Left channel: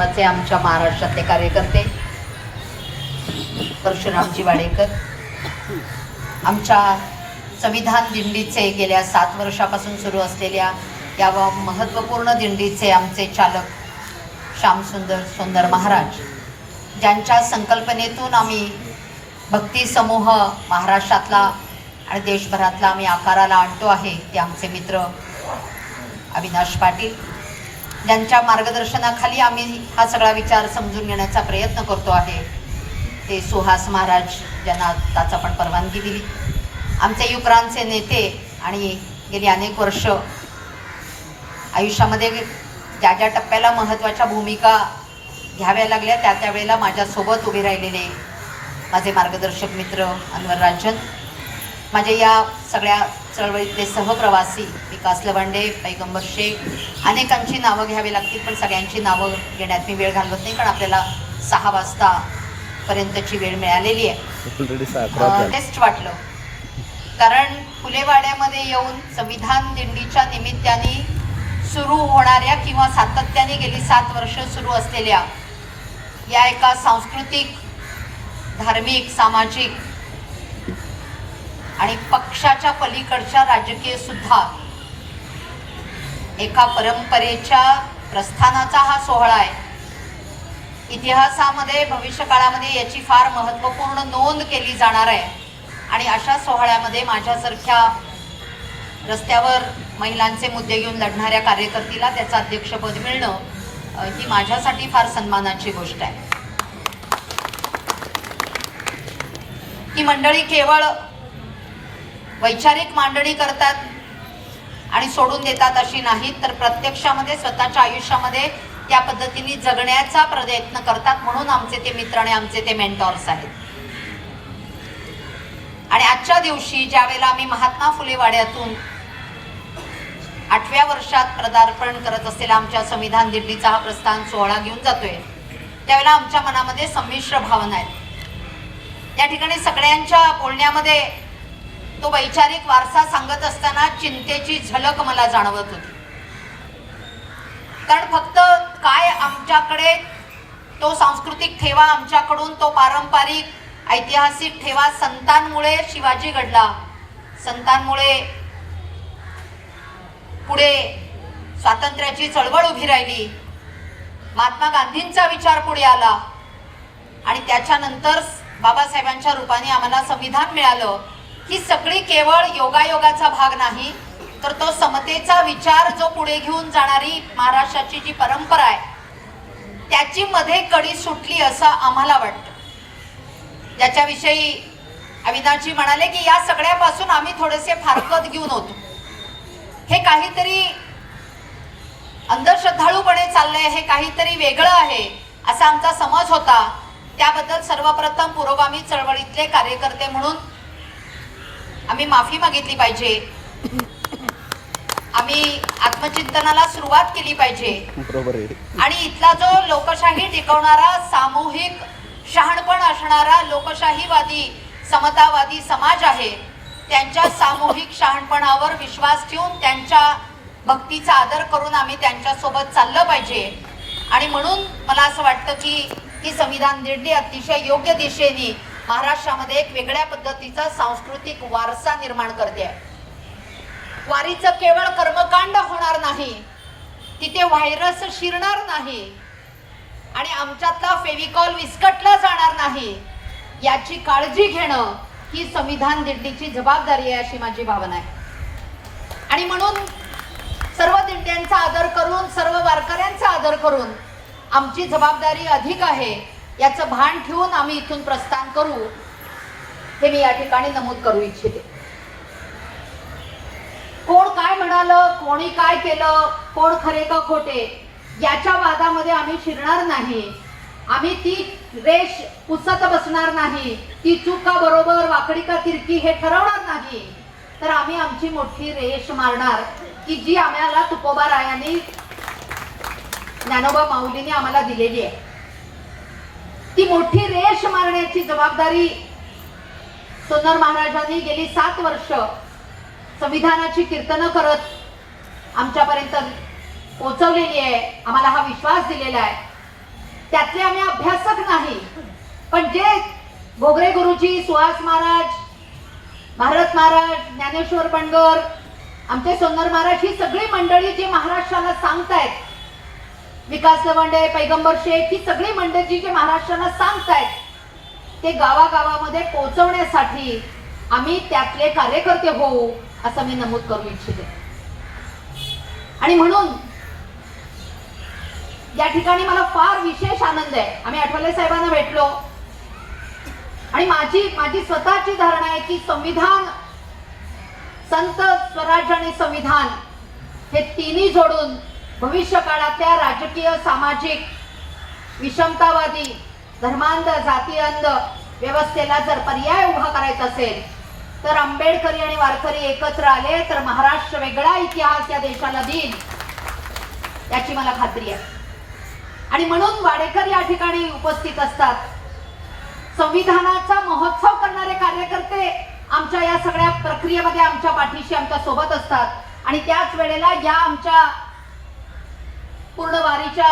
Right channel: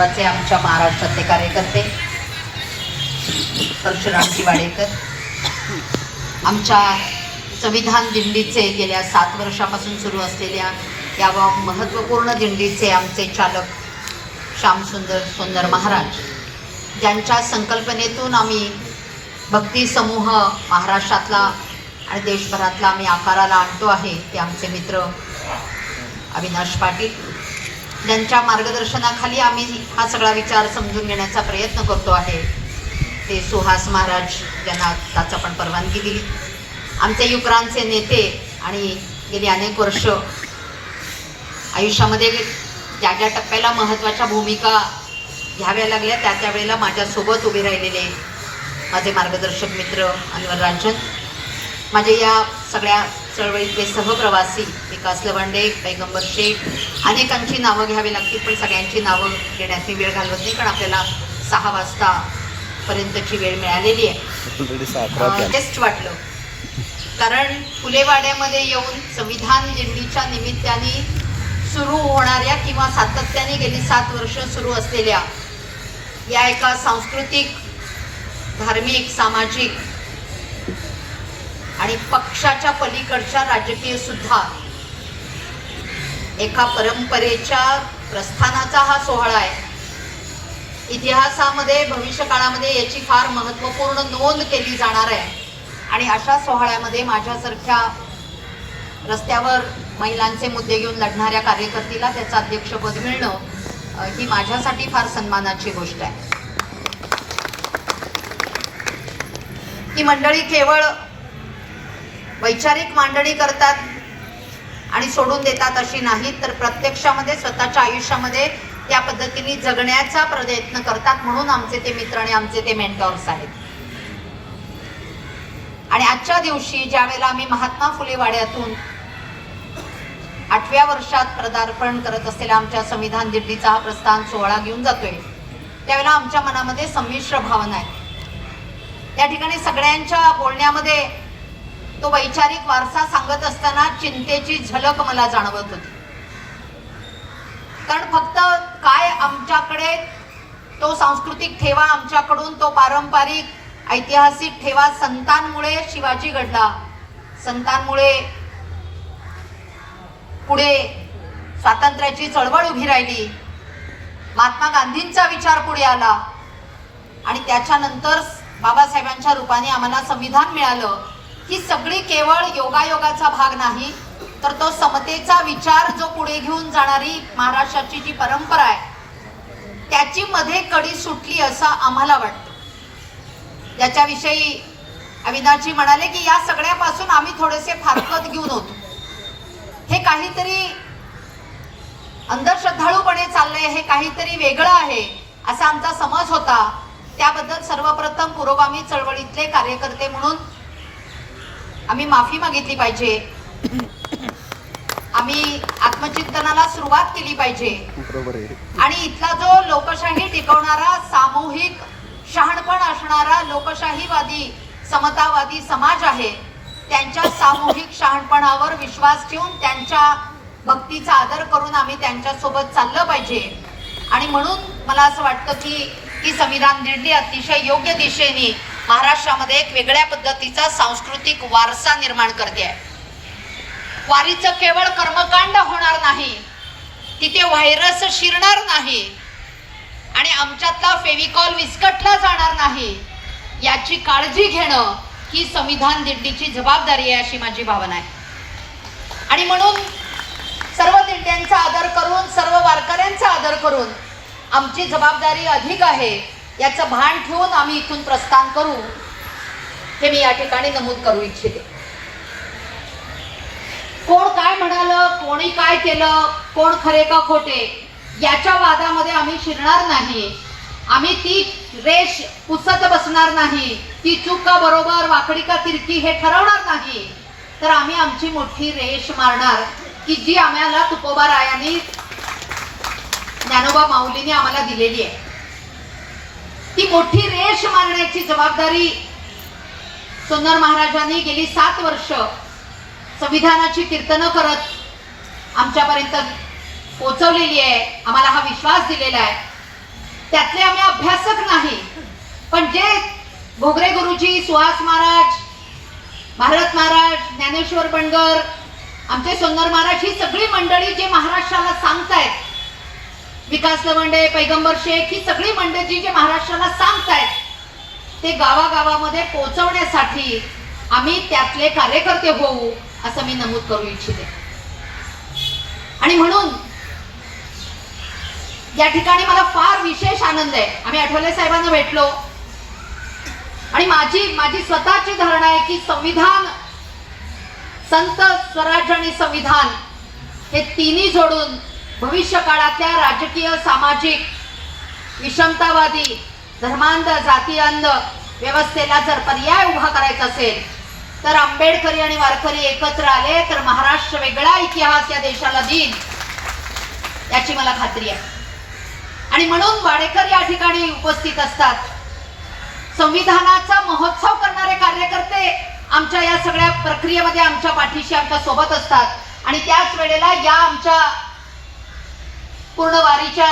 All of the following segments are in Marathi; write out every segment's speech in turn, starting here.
आमच्या महाराष्ट्रातले कार्यकर्ते परशुरामजी वाडेकर आमच्या संविधान दिंडीचे गेल्या 7 वर्षापासून सुरू असलेल्या या महत्त्वपूर्ण दिंडीचे आमचे चालक श्यामसुंदर सोन्नर महाराज ज्यांच्या संकल्पनेतून आम्ही भक्ती समूह महाराष्ट्रातला आणि देशभरातला आम्ही आकाराला आणतो आहे ते आमचे मित्र अविनाश पाटील ज्यांच्या मार्गदर्शनाखाली आम्ही हा सगळा विचार समजून घेण्याचा प्रयत्न करतो आहे ते सुहास महाराज ज्यांना त्याचा पण परवानगी दिली आमचे युक्रांचे नेते आणि गेली अनेक वर्ष आयुष्यामध्ये ज्या ज्या टप्प्याला महत्त्वाच्या भूमिका घ्याव्या लागल्या त्या वेळेला माझ्यासोबत उभे राहिलेले माझे मार्गदर्शक मित्र अनवर राजन माझे या सगळ्या चळवळीतले सहप्रवासी विकास लवंडे पैगंबर शेख अनेकांची नावं घ्यावी लागतील पण सगळ्यांची नावं घेण्यात मी वेळ घालवत नाही कारण आपल्याला 6 वाजतापर्यंतची वेळ मिळालेली आहे टेस्ट वाटलं कारण फुलेवाड्यामध्ये येऊन संविधान दिंडीच्या निमित्ताने सुरू होणाऱ्या किंवा सातत्याने गेली 7 वर्ष सुरू असलेल्या या एका सांस्कृतिक धार्मिक सामाजिक आणि पक्षाच्या पलीकडच्या राजकीय सुद्धा एका परंपरेच्या प्रस्थानाचा हा सोहळा आहे इतिहासामध्ये भविष्यकाळामध्ये याची फार महत्त्वपूर्ण नोंद केली जाणार आहे आणि अशा सोहळ्यामध्ये माझ्यासारख्या रस्त्यावर महिलांचे मुद्दे घेऊन लढणाऱ्या कार्यकर्तीला त्याचं अध्यक्षपद मिळणं ही माझ्यासाठी फार सन्मानाची गोष्ट आहे ही मंडळी केवळ वैचारिक मांडणी करतात आणि सोडून देतात अशी नाही तर प्रत्यक्षामध्ये स्वतःच्या आयुष्यामध्ये त्या पद्धतीने जगण्याचा प्रयत्न करतात म्हणून आमचे ते मित्र आणि आमचे ते मेंटॉर्स आहेत आणि आजच्या दिवशी ज्या वेळेला आम्ही महात्मा फुले वाड्यातून 8व्या वर्षात पदार्पण करत असलेल्या आमच्या संविधान दिंडीचा हा प्रस्थान सोहळा घेऊन जातोय त्यावेळेला आमच्या मनामध्ये संमिश्र भावना आहेत त्या ठिकाणी सगळ्यांच्या बोलण्यामध्ये तो वैचारिक वारसा सांगत असताना चिंतेची झलक मला जाणवत होती कारण फक्त काय आमच्याकडे तो सांस्कृतिक ठेवा आमच्याकडून तो पारंपरिक ऐतिहासिक ठेवा संतांमुळे शिवाजी घडला संतांमुळे पुढे स्वातंत्र्याची चळवळ उभी राहिली महात्मा गांधींचा विचार पुढे आला आणि त्याच्यानंतर बाबासाहेबांच्या रूपाने आम्हाला संविधान मिळालं ही सगळी केवळ योगायोगाचा भाग नाही तर तो समतेचा विचार जो पुढे घेऊन जाणारी महाराष्ट्राची जी परंपरा आहे त्याची मध्ये कडी सुटली असं आम्हाला वाटतं ज्याच्याविषयी अविनाशजी म्हणाले की या सगळ्यापासून आम्ही थोडेसे फारकत घेऊन होतो हे काहीतरी अंधश्रद्धाळूपणे चाललंय हे काहीतरी वेगळं आहे असा आमचा समज होता त्याबद्दल सर्वप्रथम पुरोगामी चळवळीतले कार्यकर्ते म्हणून आम्ही माफी मागितली पाहिजे आम्ही आत्मचिंतनाला सुरुवात केली पाहिजे आणि इथला जो लोकशाही टिकवणारा सामूहिक शहाणपण असणारा लोकशाहीवादी समतावादी समाज आहे त्यांच्या सामूहिक शहाणपणावर विश्वास ठेवून त्यांच्या भक्तीचा आदर करून आम्ही त्यांच्यासोबत चाललं पाहिजे आणि म्हणून मला असं वाटतं की ही संविधान दिंडी अतिशय योग्य दिशेने महाराष्ट्रामध्ये एक वेगळ्या पद्धतीचा सांस्कृतिक वारसा निर्माण करते आहे वारीचं केवळ कर्मकांड होणार नाही तिथे व्हायरस शिरणार नाही आणि आमच्यातला फेविकॉल विस्कटला जाणार नाही याची काळजी घेणं ही संविधान दिंडीची जबाबदारी आहे अशी माझी भावना आहे आणि म्हणून सर्व दिंड्यांचा आदर करून सर्व वारकऱ्यांचा आदर करून आमची जबाबदारी अधिक आहे याचं भान ठेवून आम्ही इथून प्रस्थान करू हे मी या ठिकाणी नमूद करू इच्छिते कोण काय म्हणालं कोणी काय केलं कोण खरे का खोटे याच्या वादामध्ये आम्ही शिरणार नाही आम्ही ती रेष पुसत बसणार नाही ती चूक का बरोबर वाकडी का तिरकी हे ठरवणार नाही तर आम्ही आमची मोठी रेष मारणार की जी आम्हाला तुकोबा रायांनी ज्ञानोबा माऊलींनी आम्हाला दिलेली आहे ती मोठी रेष मारण्याची जबाबदारी सोन्नर महाराजांनी गेली 7 वर्ष संविधानाची कीर्तनं करत आमच्यापर्यंत पोचवलेली आहे आम्हाला हा विश्वास दिलेला आहे त्यातले आम्ही अभ्यासक नाही, पण जे घोगरे गुरुजी, सुहास महाराज, भारत महाराज, ज्ञानेश्वर बंडगर, आमचे सोन्नर महाराज, ही सगळी मंडळी जे महाराष्ट्राला सांगतायत, विकास लवंडे, पैगंबर शेख, ही सगळी मंडळी जे महाराष्ट्राला सांगतायत, ते गावागावामध्ये पोहोचवण्यासाठी आम्ही त्यातले कार्यकर्ते होऊ असं मी नमूद करू इच्छिते. आणि म्हणून या ठिकाणी मला फार विशेष आनंद आहे. आम्ही आठवले साहेबांना भेटलो आणि माझी स्वतःची धारणा आहे की संविधान, संत, स्वराज्य आणि संविधान हे तिन्ही जोडून भविष्य काळातल्या राजकीय, सामाजिक, विषमतावादी, धर्मांध, जातीयांध व्यवस्थेला जर पर्याय उभा करायचा असेल तर आंबेडकरी आणि वारकरी एकत्र आले तर महाराष्ट्र वेगळा इतिहास या देशाला देईल याची मला खात्री आहे. आणि म्हणून वाडेकर या ठिकाणी उपस्थित असतात. संविधानाचा महोत्सव करणारे कार्यकर्ते आमच्या या सगळ्या प्रक्रियेमध्ये आमच्या पाठीशी, आमच्या सोबत असतात. आणि त्याच वेळेला या आमच्या पूर्ण वारीच्या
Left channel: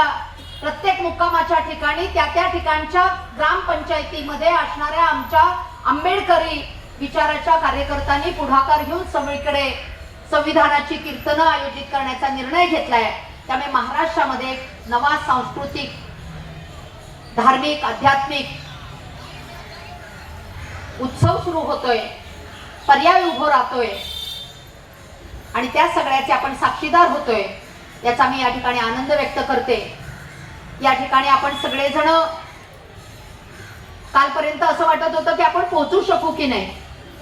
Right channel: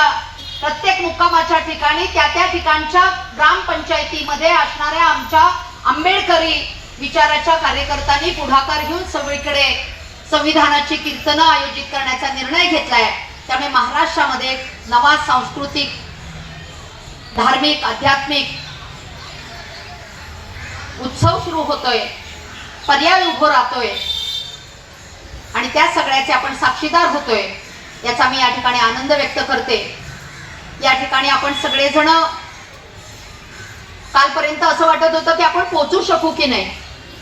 प्रत्येक मुक्कामाच्या ठिकाणी त्या ठिकाणच्या ग्रामपंचायतीमध्ये असणाऱ्या आमच्या आंबेडकरी विचाराच्या कार्यकर्त्यांनी पुढाकार घेऊन सगळीकडे संविधानाची कीर्तनं आयोजित करण्याचा निर्णय घेतलाय. त्यामुळे महाराष्ट्रामध्ये एक नवा सांस्कृतिक, धार्मिक, आध्यात्मिक उत्सव सुरू होतोय, पर्याय उभो राहतोय आणि त्या सगळ्याचे आपण साक्षीदार होतोय याचा मी या ठिकाणी आनंद व्यक्त करते. या ठिकाणी आपण सगळेजण, कालपर्यंत असं वाटत होतं की आपण पोहोचू शकू की नाही,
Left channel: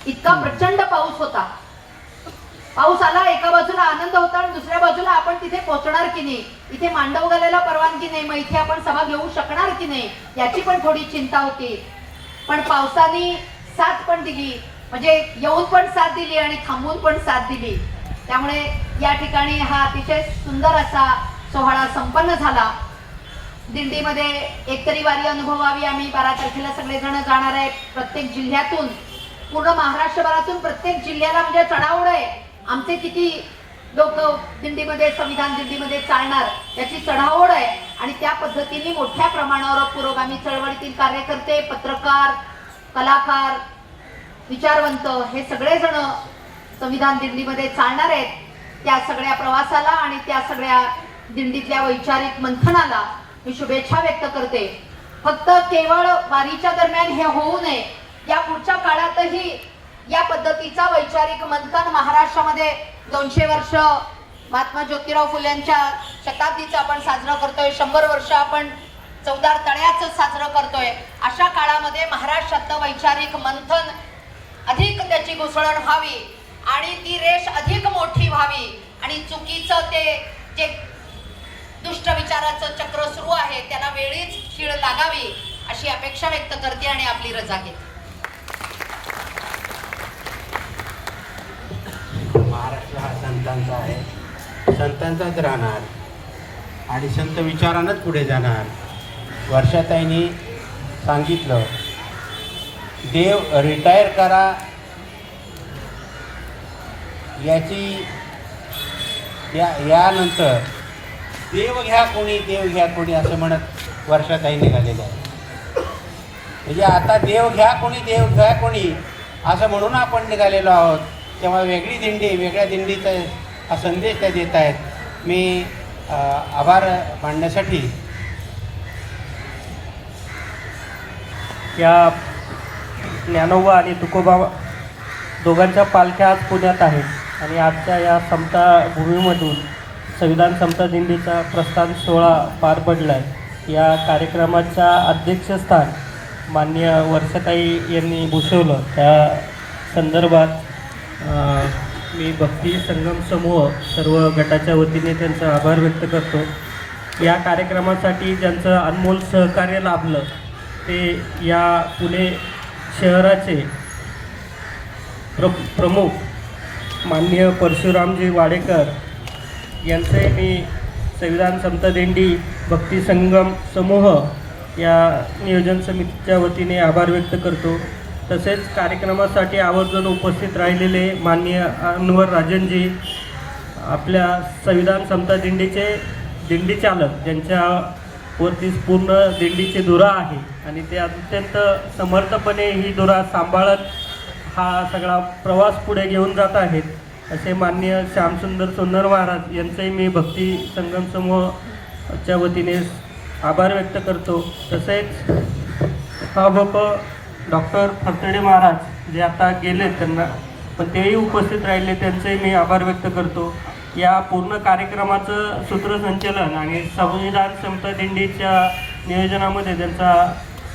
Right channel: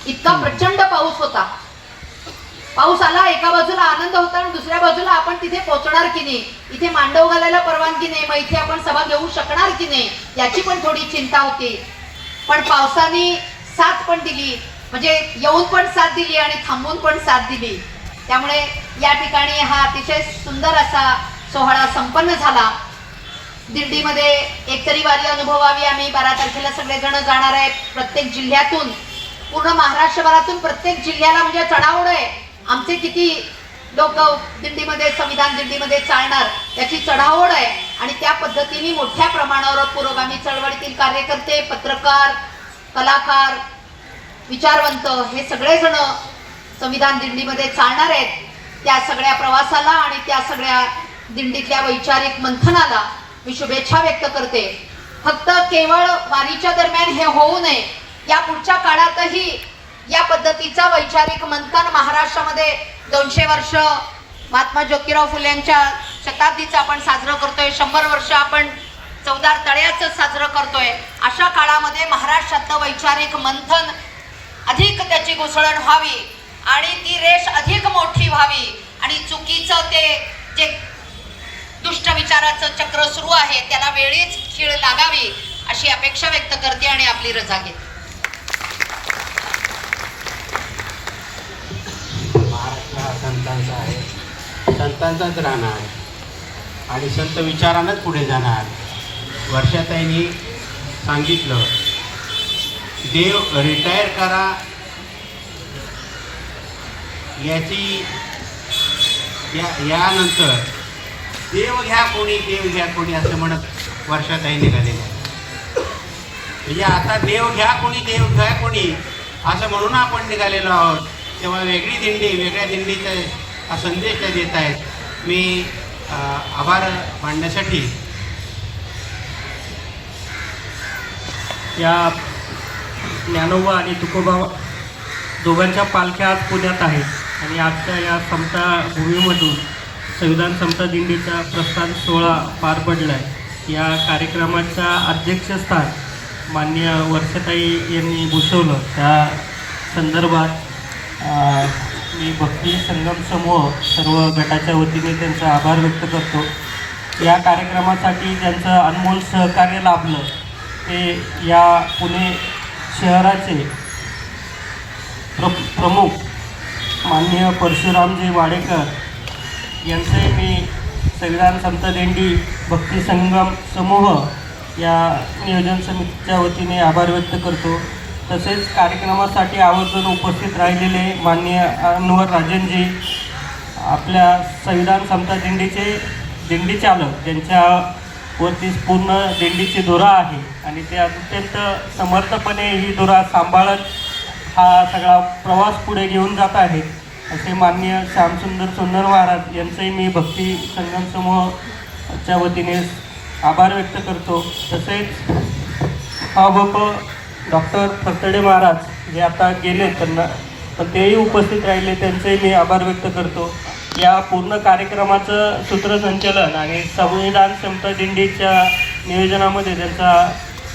इतका प्रचंड पाऊस होता. पाऊस आला, एका बाजूला आनंद होता आणि दुसऱ्या बाजूला आपण तिथे पोहोचणार की नाही, इथे मांडव घालायला परवानगी नाही, मग इथे आपण सभा घेऊ शकणार की नाही याची पण थोडी चिंता होती. पण पावसाने साथ पण दिली, म्हणजे येऊन पण साथ दिली आणि थांबून पण साथ दिली. त्यामुळे या ठिकाणी हा अतिशय सुंदर असा सोहळा संपन्न झाला. दिंडीमध्ये एकतरी वारी अनुभवावी. आम्ही 12 तारखेला सगळेजण जाणार आहेत. प्रत्येक जिल्ह्यातून, पूर्ण महाराष्ट्रभरातून प्रत्येक जिल्ह्याला म्हणजे चढाओढ आहे. आमचे किती लोक दिंडीमध्ये, संविधान दिंडीमध्ये चालणार याची चढाओढ आहे. आणि त्या पद्धतीने मोठ्या प्रमाणावर पुरोगामी चळवळीतील कार्यकर्ते, पत्रकार, कलाकार, विचारवंत हे सगळेजण संविधान दिंडीमध्ये चालणार आहेत. त्या सगळ्या प्रवासाला आणि त्या सगळ्या दिंडीतल्या वैचारिक मंथनाला मी शुभेच्छा व्यक्त करते. फक्त केवळ वारीच्या दरम्यान हे होऊ नये, या पुढच्या काळातही या पद्धतीचा वैचारिक मंथन महाराष्ट्रामध्ये 200 वर्ष महात्मा ज्योतिराव फुलेंच्या शताब्दीचा आपण साजरा करतोय, 100 वर्ष आपण चौदार तळ्याचं साजरं करतोय. अशा काळामध्ये महाराष्ट्रातलं वैचारिक मंथन अधिक त्याची घुसळण व्हावी आणि ती रेष अधिक मोठी व्हावी आणि चुकीचं ते जे दुष्ट विचाराचं चक्र सुरू आहे त्याला वेळीच खीळ लागावी अशी अपेक्षा व्यक्त करते आणि आपली रजा घेते. महाराष्ट्र हा संतांचा आहे, संतांचाच राहणार आणि संत विचारानंच पुढे जाणार. वर्षाताईंनी सांगितलं, देव रिटायर करा याची यानंतर देव घ्या कोणी, देव घ्या कोणी असं म्हणत वर्षाताई निघालेले आहे. म्हणजे आता देव घ्या कोणी, देव घ्या कोणी असं म्हणून आपण निघालेलो आहोत. तेव्हा वेगळी दिंडी, वेगळ्या दिंडीचा हा संदेश त्या देत आहेत. मी आभार मानण्यासाठी या ज्ञानोबा आणि तुकोबा दोघांच्या पालख्या आज पुण्यात आहेत आणि आजच्या या समता भूमीमधून संविधान समता दिंडीचा प्रस्थान सोहळा पार पडला आहे. या कार्यक्रमाच्या अध्यक्षस्थान माननीय वर्षाताई यांनी भूषवलं. त्या संदर्भात मी भक्ती संगम समूह सर्व गटाच्या वतीने त्यांचा आभार व्यक्त करतो. या कार्यक्रमासाठी ज्यांचं अनमोल सहकार्य लाभलं ते या पुणे शहराचे प्रमुख माननीय परशुरामजी वाडेकर यांचे मी संविधान समता दिंडी भक्ती संगम समूह या नियोजन समितीच्या वतीने आभार व्यक्त करतो. तसेच कार्यक्रमासाठी आवर्जून उपस्थित राहिलेले माननीय अनवर राजनजी, आपल्या संविधान समता दिंडीचे दिंडी चालक, त्यांच्या वरती पूर्ण दिंडीची धुरा आहे आणि ते अत्यंत समर्थपणे ही धुरा सांभाळत हा सगळा प्रवास पुढे घेऊन जात आहेत असे माननीय श्यामसुंदर सोन्नर महाराज यांचे मी भक्ती संगम समूहाच्या वतीने आभार व्यक्त करतो. तसेच हा बाप डॉक्टर फरतडे महाराज जे आता गेले त्यांना पण तेही उपस्थित राहिले त्यांचेही मी आभार व्यक्त करतो. या पूर्ण कार्यक्रमाचं सूत्रसंचालन आणि संविधान समता दिंडीच्या नियोजनामध्ये त्यांचा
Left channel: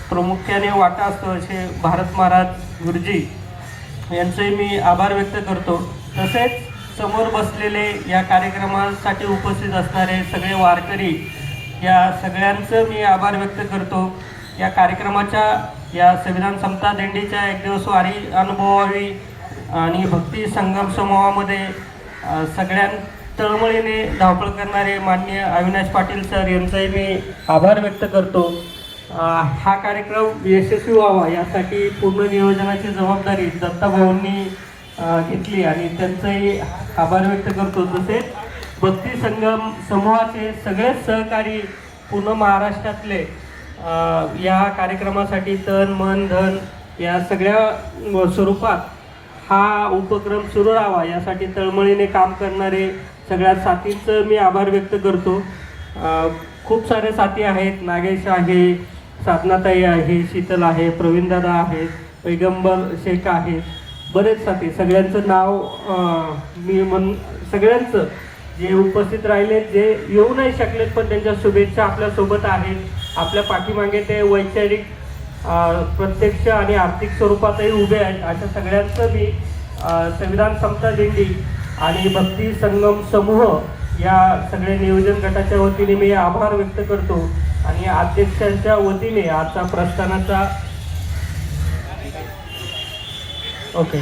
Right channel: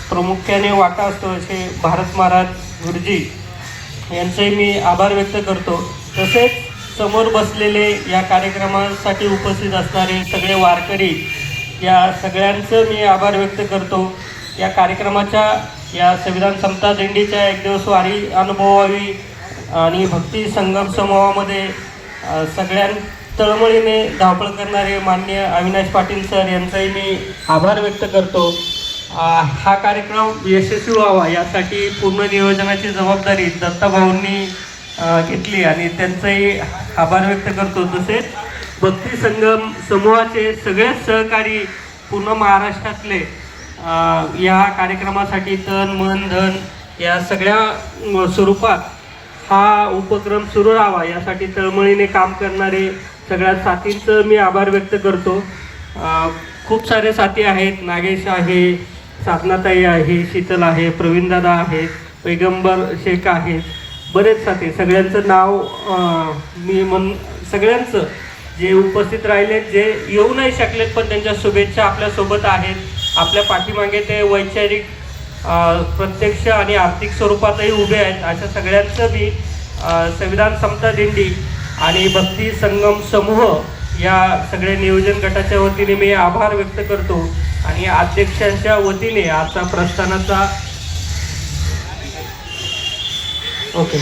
प्रामुख्याने वाटा असतो असे भारत महाराज गुरुजी यांचेही मी आभार व्यक्त करतो. तसेच समोर बसलेले या कार्यक्रमासाठी उपस्थित असणारे सगळे वारकरी या सगळ्यांचं मी आभार व्यक्त करतो. या कार्यक्रमाच्या या संविधान समता दिंडीच्या एक दिवस वारी अनुभवावी आणि भक्ती संगम समूहामध्ये सगळ्यां तळमळीने धावपळ करणारे माननीय अविनाश पाटील सर यांचाही मी आभार व्यक्त करतो. हा कार्यक्रम यशस्वी व्हावा यासाठी पूर्ण नियोजनाची जबाबदारी दत्ताभाऊंनी घेतली आणि त्यांचाही आभार व्यक्त करतो. तसेच भक्ती संगम समूहाचे सगळेच सहकारी पूर्ण महाराष्ट्रातले या कार्यक्रमासाठी तन मन धन या सगळ्या स्वरूपात हा उपक्रम सुरू राहावा यासाठी तळमळीने काम करणारे सगळ्या साथींचं मी आभार व्यक्त करतो. खूप सारे साथी आहेत. नागेश आहे, साधनाताई आहे, शीतल आहे, प्रवीणदादा आहेत, पैगंबर शेख आहेत, बरेच साथी. सगळ्यांचं नाव मी सगळ्यांचं जे उपस्थित राहिले जे येऊ नाही शकलेत पण त्यांच्या शुभेच्छा आपल्यासोबत आहेत. आपल्या पाठीमागे ते वैचारिक प्रत्यक्ष आणि आर्थिक स्वरूपातही उभे आहेत. अशा सगळ्यांचं मी संविधान समता दिंडी आणि भक्ती संगम समूह या सगळे नियोजन गटाच्या वतीने मी आभार व्यक्त करतो. आणि अध्यक्षांच्या वतीने आजचा प्रस्थानाचा ओके